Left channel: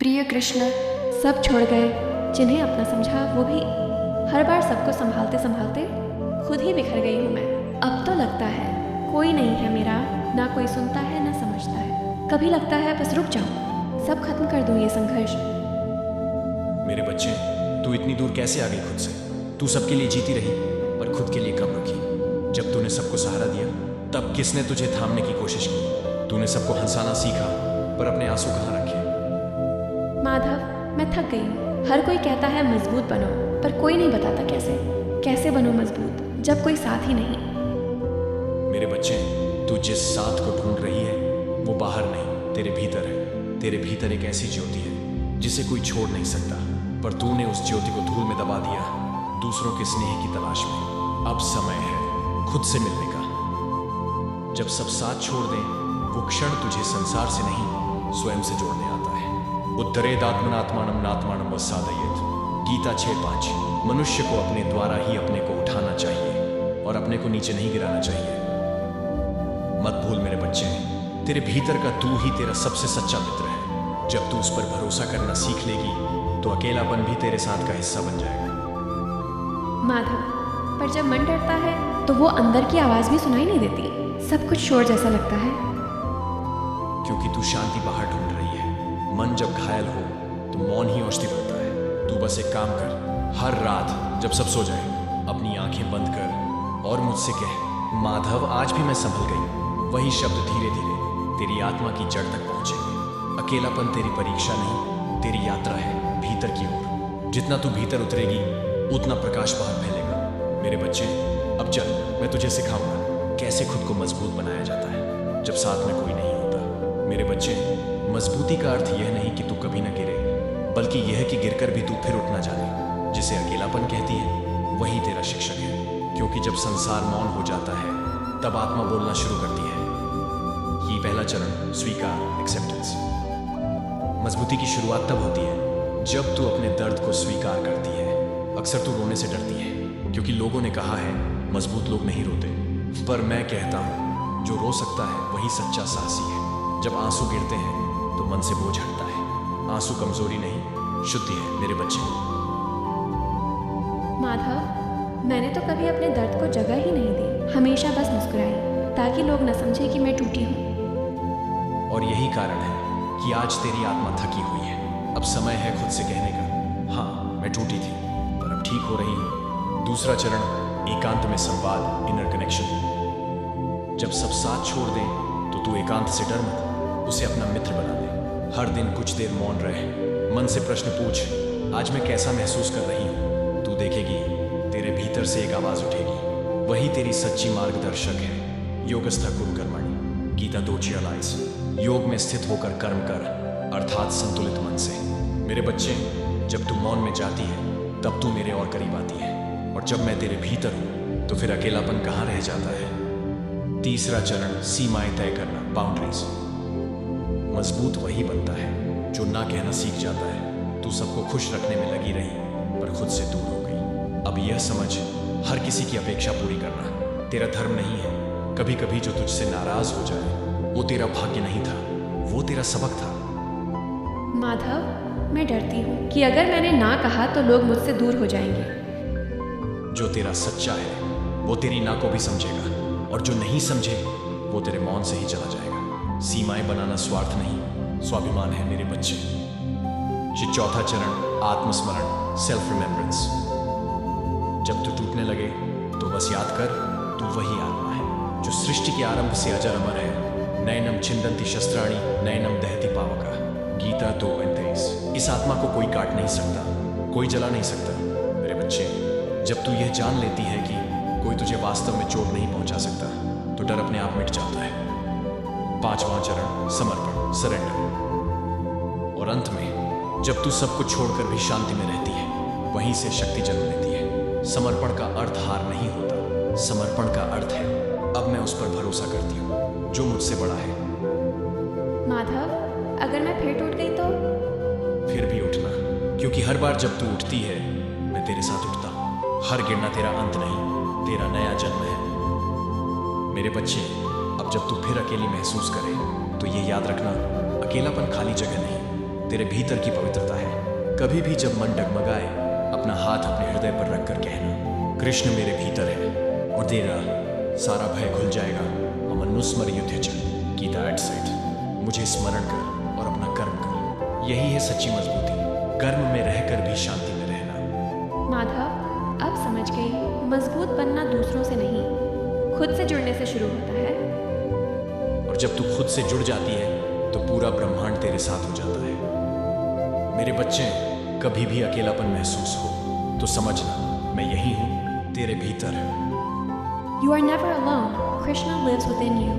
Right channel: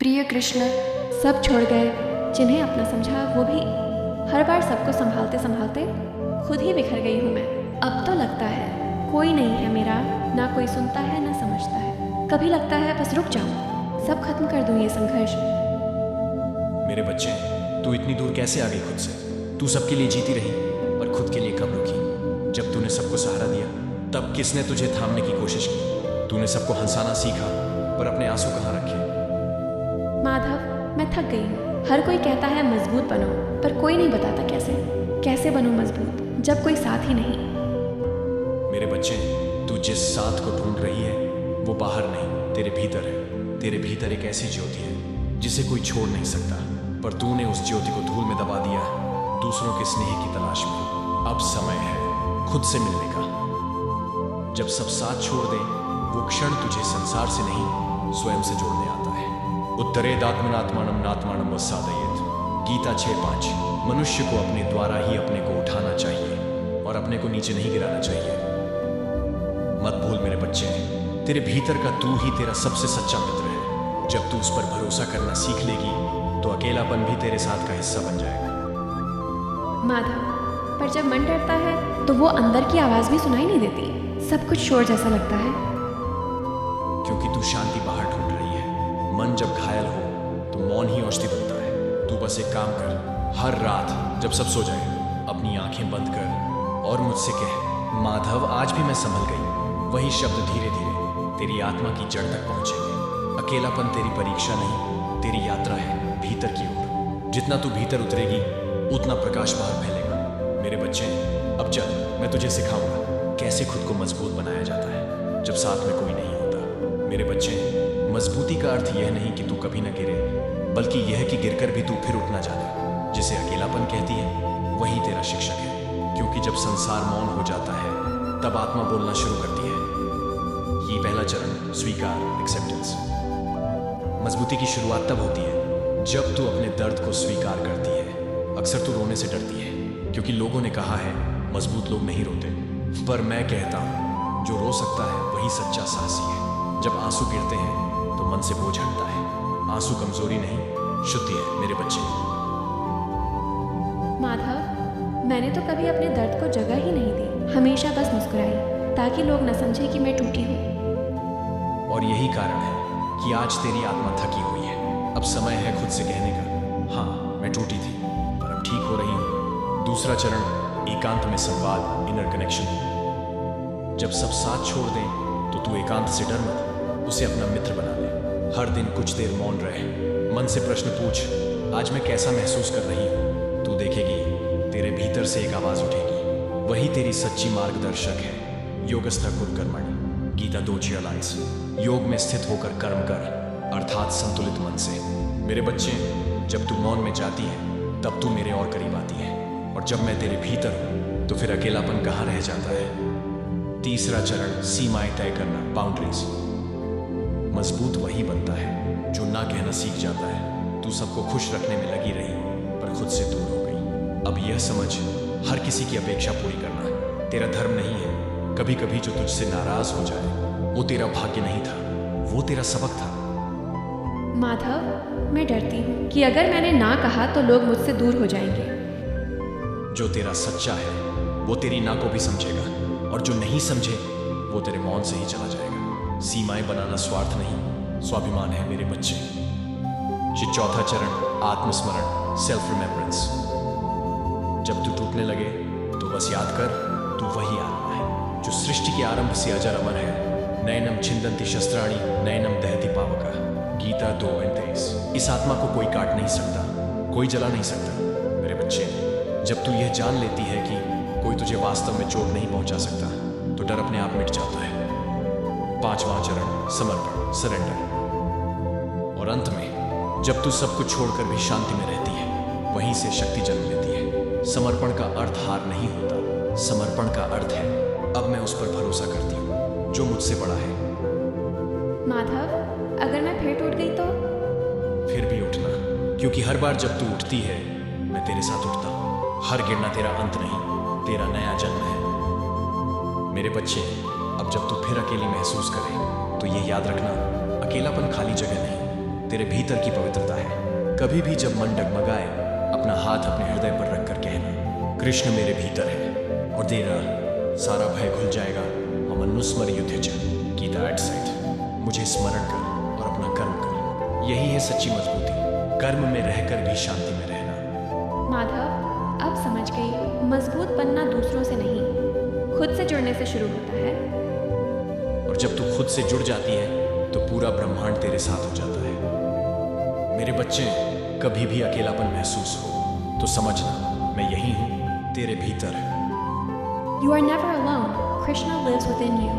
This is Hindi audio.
प्रिय कृष्ण, सब छोड़ गए जिन्हें अपना समझा वो भी। हर बार सबको संभालते संभालते खुद ही बिखर गई हूँ मैं। अब तो लगता है कोई नहीं है मेरा, ना कोई सुनता है ना समझता है। कभी लगता है बस रुक जाऊं, सब खत्म कर दूं ये संघर्ष। मेरे बच्चे, तू इतनी दूर कैसे आ गई खुद से? तू सबके लिए जीती रही पर खुद के लिए कब रुकी? जब तूने सबको सहारा दिया तब किसने तुझे थामने की कोशिश की? तूने सबको हंसाना सीखा पर अपने आंसू कहाँ रखे? माधव, मैं थक गई हूँ। हर कोई कहता है मजबूत बनो, पर कोई नहीं बताता कैसे बनूं मजबूत जब कोई साथ ही नहीं। मेरे बच्चे, तू जिस साथ को ढूंढ रही है वो बाहर नहीं, तेरे भीतर है। तेरे भीतर एक ऐसी ज्योति है जिसे कोई छोड़ नहीं सकता, पर तूने उस ज्योति को धूल में दबा दिया दूसरों के स्नेह की तलाश में। अब समय है खुद से मिलने का। जब सब साथ छोड़ दें, वो क्षण तुझे संसार से नहीं स्वयं से जोड़ने आता है। उत्तरेदात्मनात्मानम नात्मानम वसादयेत। गीता 6:5। मनुष्य को अपने द्वारा ही अपने को उठाना चाहिए और अपने को नीचे नहीं गिराना चाहिए। मत भूल मेरे बच्चे, तेरे भीतर का तू ही तेरा सबसे सच्चा मित्र है। जब तू उस पर भरोसा करना सीख लेगी तो अकेलापन भी तेरे साथ का हिस्सा बन जाएगा। माधव, पर जब मन डरता है तो वो अंदर की आवाज भी सुनाई नहीं देती। सब कुछ शोर जैसा लगता है। क्योंकि तू शांति बाहर ढूंढ रही है। मन जब घायल हो तो मौन ही औषधि बनता है। तू बस एक काम कर, हर रात जब सब सो जाए अपनी आंखें बंद कर और मुझसे कह, माधव आज भी मैं संभल गई। वही शब्द धीरे धीरे तेरी आत्मा की जड़ तक पहुंचेंगे। अकेलापन तेरी परीक्षा नहीं, तेरी यात्रा है भीतर की ओर। जितना तू भीतर उतरेगी उतना प्रकाश बाहर फैलेगा। मेरे बच्चे, अब चल मैं तुझे सिखाऊंगा कैसे खुद को मजबूत बनाया जाता है जब साथ में कोई नहीं होता। मेरे बच्चे, मजबूती का अर्थ यह नहीं कि तू कभी न गिरे, बल्कि यह कि गिरकर भी तू फिर उठ ना जाने। जिसे अकेलापन कहती है वही तेरा शिक्षक है। क्योंकि जब संसार मौन हो जाता है तब आत्मा बोलना शुरू करती है। ये पहला चरण स्वीकार, एक्सेप्टेंस। मजबूती की शुरुआत तब होती है जब तू अपने दर्द को स्वीकार करती है। अक्सर तू रोने से डरती है क्योंकि लोगों ने कहा है मजबूत लोग नहीं रोते, पर मैं कहता हूं जो रो सकता है वही सच्चा साहसी है। जब आंसू गिरते हैं तो मन से बोझ हटता है। आंसू कमजोरी नहीं, शुद्धि है मेरे बच्चे। माधव, मैंने तो कभी अपने दर्द को जगह ही नहीं दी। हमेशा बस मुस्कुराई ताकि लोग न समझे कि मैं टूटी हूँ। और यही कारण है कि आज तेरी आत्मा थकी हुई है। अब समय है खुद से कहने का, हाँ मैं टूटी थी पर अब ठीक हो रही हूँ। दूसरा चरण एकांत में संवाद, इनर कनेक्शन। जब सब साथ छोड़ दें तो तू एकांत से डर मत, उसे अपना मित्र बना ले। हर दिन कुछ देर मौन रह, मन से प्रश्न पूछ, आज मैं कैसा महसूस कर रही हूं? तू देखेगी तेरे भीतर से एक आवाज उठेगी, वही तेरी सच्ची मार्गदर्शक है। योगस्थ कुरु कर्मणि, गीता 2:46। योग में स्थित होकर कर्म कर, अर्थात संतुलित मन से। मेरे बच्चे, जब तू मौन में जाती है तब तू मेरे और करीब आती है, और जब मैं तेरे भीतर हूं तो फिर अकेलापन कहां रह जाता है। तीसरा चरण सीमाएं तय करना, बाउंड्रीज। मजबूत वही बनता है जो ना कहना सीख जाता है। तू सबको खुश रखने में लगी रही पर खुद से दूर हो गई। अब यह समझ, हर किसी की अपेक्षा पूरी करना तेरा धर्म नहीं है। कभी कभी जो तुझसे नाराज हो जाए वो तेरा भाग्य नहीं था, वो तेरा सबक था। माधव, मैं डरती हूँ कि अगर मैंने ना कहा तो लोग मुझसे दूर हो जाएंगे। जो तेरा सच्चा है वो तेरी ना को भी समझेगा, और जो नहीं समझे वो तेरे मौन से ही चला जाएगा। सीमाएं बनाना स्वार्थ नहीं, स्वाभिमान है मेरे बच्चे। चौथा चरण आत्मस्मरण, सेल्फ रिमेम्बरेंस। जब तू टूटने लगे तो बस याद कर, तू वही आत्मा है जो सृष्टि के आरंभ से अजर अमर है। नैनम छिंदंती शस्त्राणि नैनम दहति पावका, गीता 2:23। इस आत्मा को कोई काट नहीं सकता, कोई जला नहीं सकता। मेरे बच्चे, जब तू यह जान लेती है कि कोई तुझे वास्तव में चोट नहीं पहुंचा सकता तो डर अपने आप मिट जाता है। पांचवां चरण समर्पण, सरेंडर। और अंत में जब तू सब कुछ छोड़कर भी शांति में रहती है, वहीं से शक्ति जन्म लेती है। समर्पण का अर्थ हार नहीं होता, समर्पण का अर्थ है अब मैं उस पर भरोसा करती हूँ जो मुझसे बड़ा है। माधव, अगर मैं फिर टूट गई तो? फिर भी उठना, क्योंकि हर बार जब तू उठती है मैं तेरे साथ उठता हूँ। हर गिरना तेरा अंत नहीं, तेरा नया जन्म है। मेरे बच्चे, अब जब तू फिर अकेली महसूस करे तो ये याद रखना, अकेलापन खाली जगह नहीं, तेरे भीतर की पवित्रता है। कभी भी जब मन डगमगाए, अपना हाथ अपने हृदय पर रखकर कहना, कृष्ण मेरे भीतर है, और तेरा सारा भय खुल जाएगा। मनुस्मर युद्ध च गीता 8:7। मुझे स्मरण कर और अपना कर्म कर। यही है सच्ची मजबूती, कर्म में रहकर भी शांति में रहना। माधव, अब समझ गई, मजबूत बनना दूसरों से नहीं, खुद से जुड़ने से शुरू होता है। और जब तू खुद से जुड़ जाती है तो पूरा ब्रह्मांड तेरे साथ हो जाता है। मेरे बच्चे, कभी भी अकेलापन महसूस हो तो समझना, मैं यही हूं, तेरे भीतर। You are never alone. Krishna lives within you.